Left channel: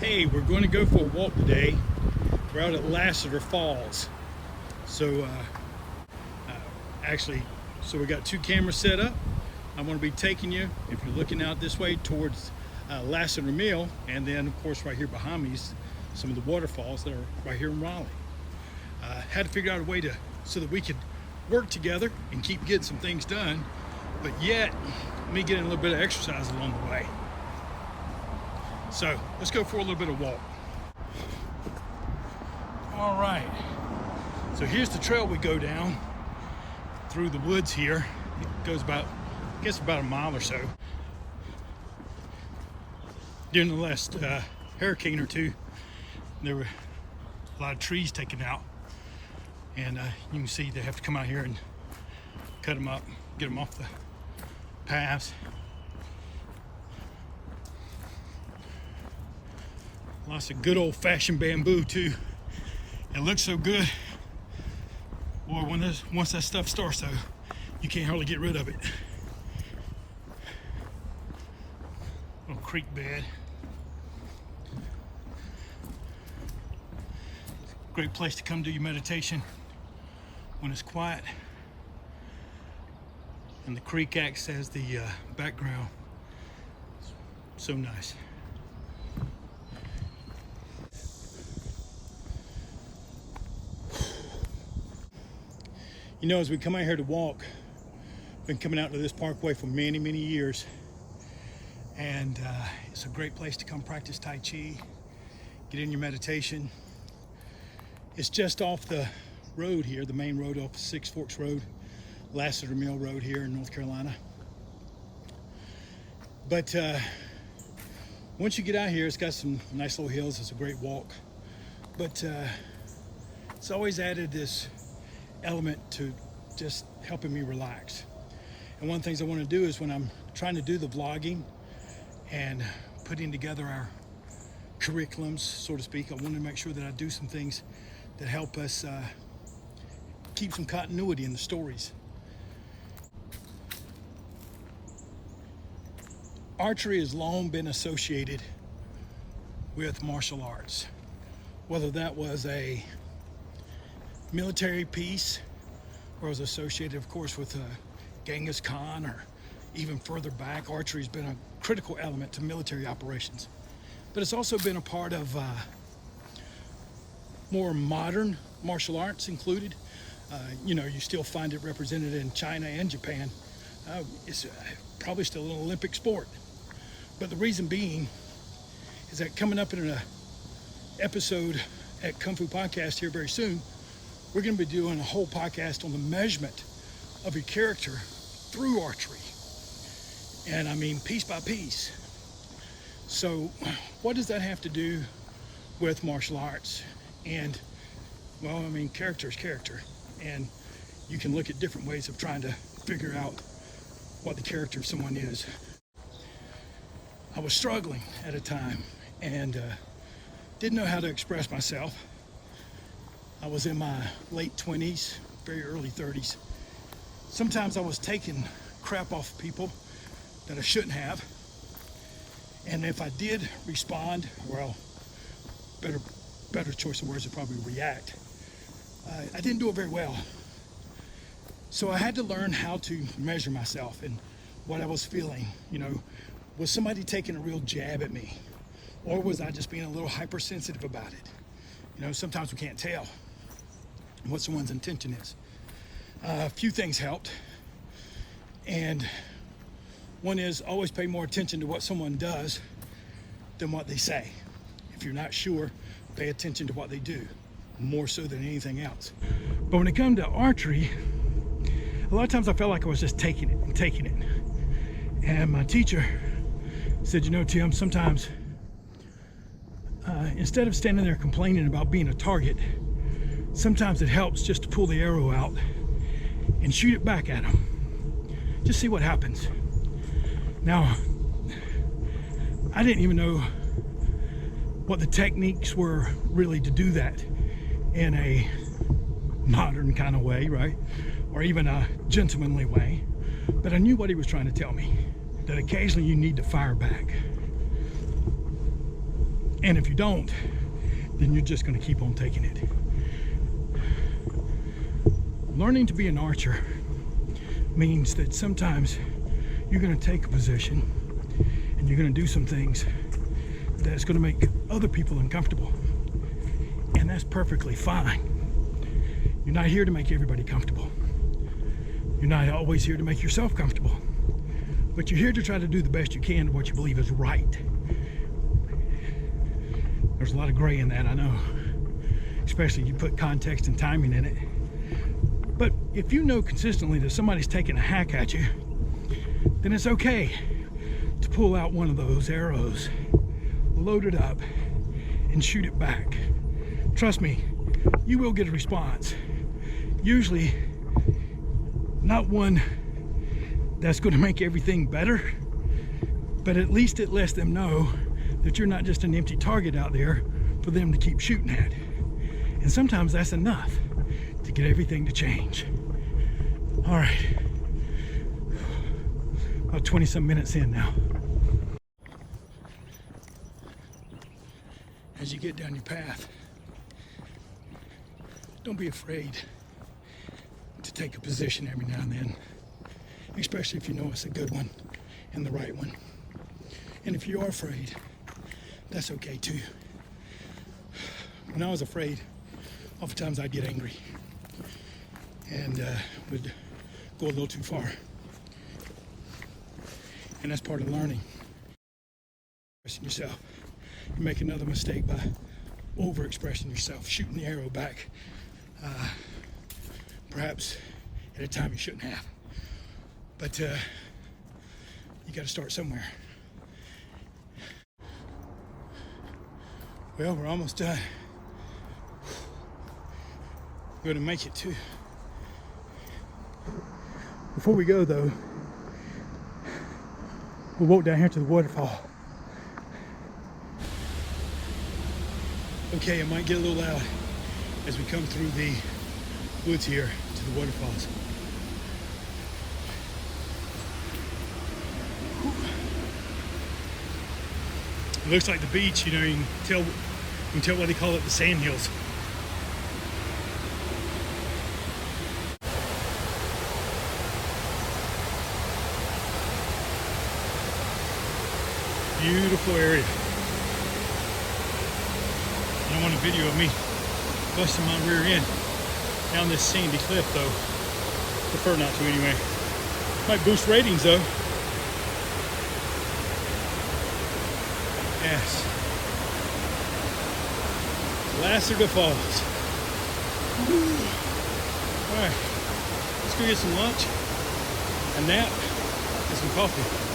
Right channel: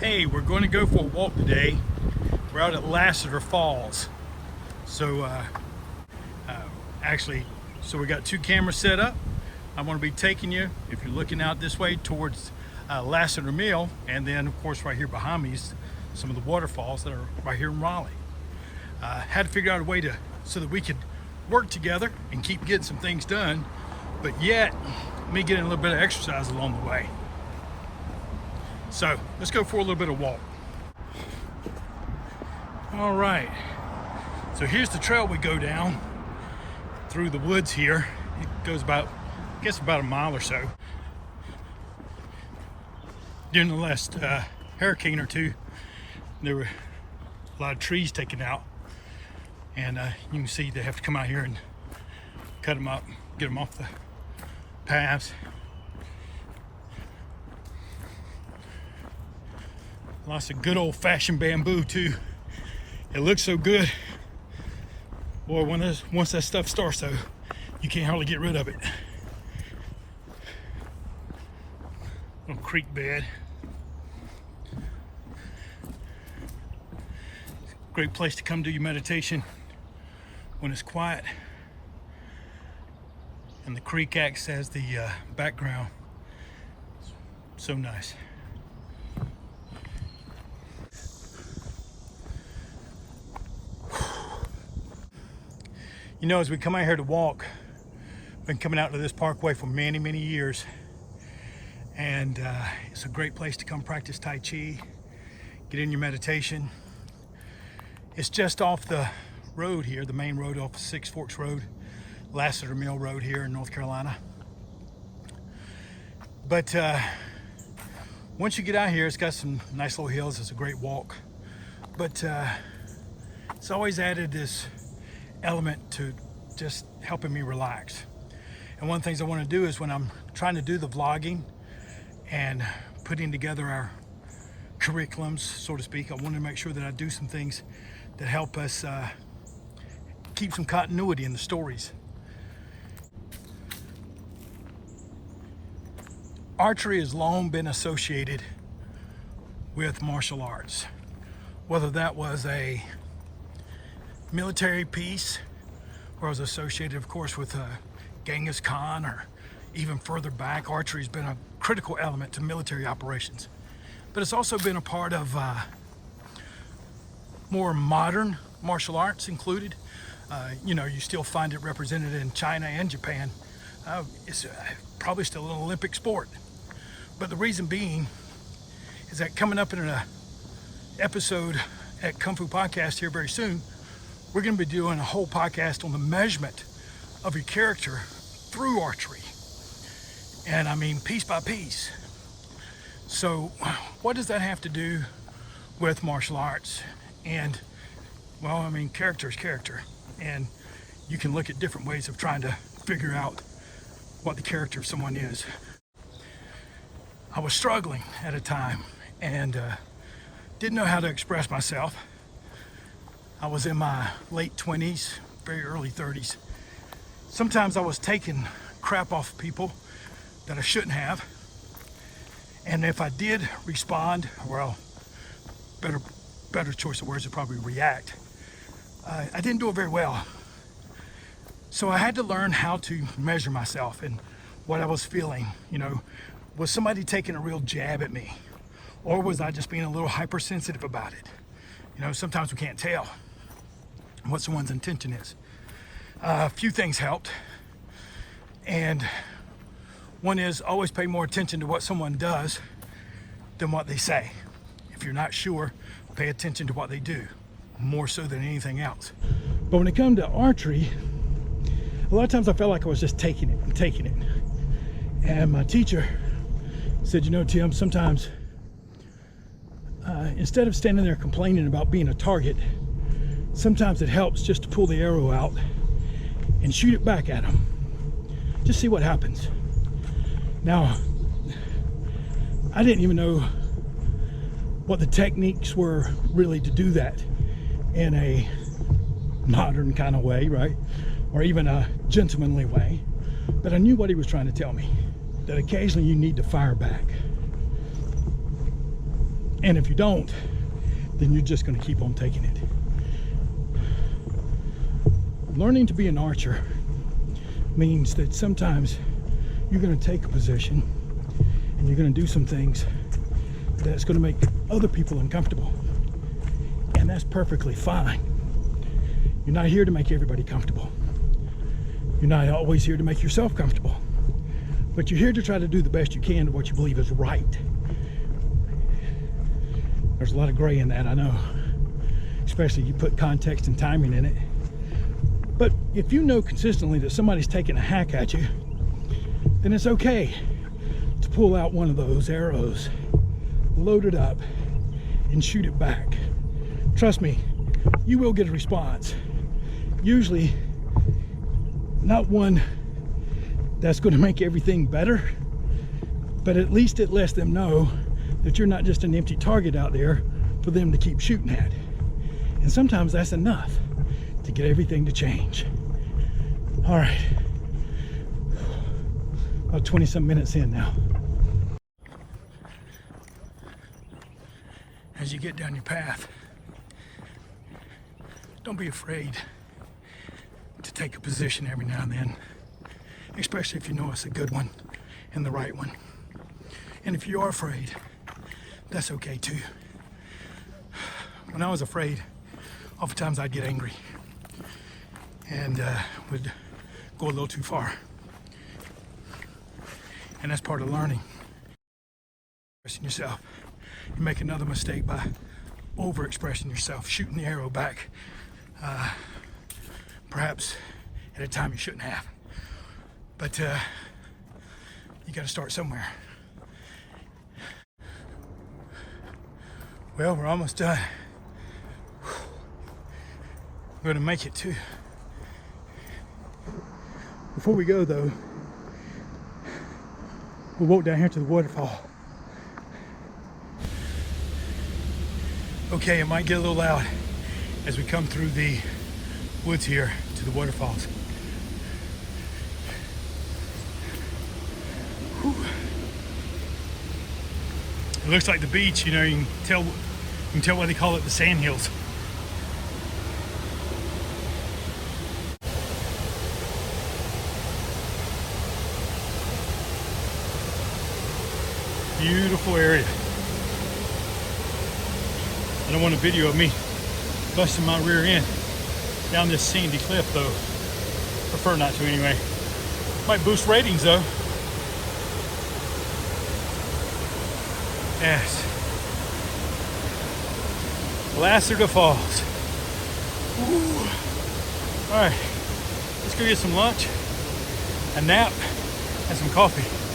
Hey, we're going to go for a walk today. We're out at Lassiter Falls. So we got two cameras set up. I want to be taking you, if you're looking out this way, towards Lassiter Mill, and then of course right here behind me is some of the waterfalls that are right here in Raleigh. Had to figure out a way so that we could work together and keep getting some things done, but yet me getting a little bit of exercise along the way. So let's go for a little bit of walk. All right, so here's the trail we go down through the woods here. It goes about, I guess about a mile or so. During the last hurricane or two, there were a lot of trees taken out, and you can see they have to come out here and cut them up, get them off the paths. Lots of good old-fashioned bamboo too. It looks so good. Boy, once that stuff starts though, you can't hardly get rid of it. Little creek bed. Great place to come do your meditation when it's quiet. And the creek acts as the background. So nice. You know, as we come out here to walk, been coming out to this parkway for many, many years. And it's a great place to come practice Tai Chi, get in your meditation. It's just off the road here, the main road off Six Forks Road, Lassiter Mill Road here in North Carolina. But once you get out here, it's got some nice little hills. It's a great walk. But it's always added this element to just helping me relax. And one of the things I want to do is when I'm trying to do the vlogging and putting together our curriculums, so to speak, I want to make sure that I do some things that help us keep some continuity in the stories. Archery has long been associated with martial arts, whether that was a military piece, where I was associated, of course, with Genghis Khan, or even further back, archery has been a critical element to military operations. But it's also been a part of more modern martial arts included. You know, you still find it represented in China and Japan. It's probably still an Olympic sport. But the reason being is that coming up in an episode at Kung Fu Podcast here very soon, we're going to be doing a whole podcast on the measurement of your character through archery. And I mean piece by piece. So what does that have to do with martial arts? And well, I mean, character is character. And you can look at different ways of trying to figure out what the character of someone is. I was struggling at a time and didn't know how to express myself. I was in my late 20s, very early 30s. Sometimes I was taking crap off people that I shouldn't have. And if I did respond, well, better choice of words would probably react. I didn't do it very well. So I had to learn how to measure myself and what I was feeling. You know, was somebody taking a real jab at me? Or was I just being a little hypersensitive about it? You know, sometimes we can't tell what someone's intention is. A few things helped. And one is always pay more attention to what someone does than what they say. If you're not sure, pay attention to what they do, more so than anything else. But when it comes to archery, a lot of times I felt like I was just taking it. And my teacher said, you know, Tim, sometimes instead of standing there complaining about being a target, sometimes it helps just to pull the arrow out and shoot it back at them. Just see what happens. Now, I didn't even know what the techniques were really to do that in a modern kind of way, right? Or even a gentlemanly way. But I knew what he was trying to tell me, that occasionally you need to fire back. And if you don't, then you're just going to keep on taking it. Learning to be an archer means that sometimes you're going to take a position and you're going to do some things that's going to make other people uncomfortable. And that's perfectly fine. You're not here to make everybody comfortable. You're not always here to make yourself comfortable. But you're here to try to do the best you can to what you believe is right. There's a lot of gray in that, I know. Especially you put context and timing in it. But if you know consistently that somebody's taking a hack at you, then it's okay to pull out one of those arrows, load it up, and shoot it back. Trust me, you will get a response. Usually, not one that's going to make everything better, but at least it lets them know that you're not just an empty target out there for them to keep shooting at. And sometimes that's enough to get everything to change. All right, about 20 some minutes in now. As you get down your path, don't be afraid to take a position every now and then, especially if you know it's a good one and the right one. And if you are afraid, that's okay too. When I was afraid, oftentimes I'd get angry and would go a little too far. And that's part of learning. Expressing yourself. You make another mistake by overexpressing yourself, shooting the arrow back, perhaps at a time you shouldn't have. But you got to start somewhere. Well, we're almost done. We're going to make it too. Before we go though, we'll walk down here to the waterfall. Okay, it might get a little loud as we come through the woods here to the waterfalls. Whew. It looks like the beach, you know, you can tell why they call it the sand hills. Beautiful area. I don't want a video of me busting my rear end down this sandy cliff though. Prefer not to anyway. Might boost ratings though. Yes. Lacerda Falls. Alright, let's go get some lunch, a nap, and some coffee.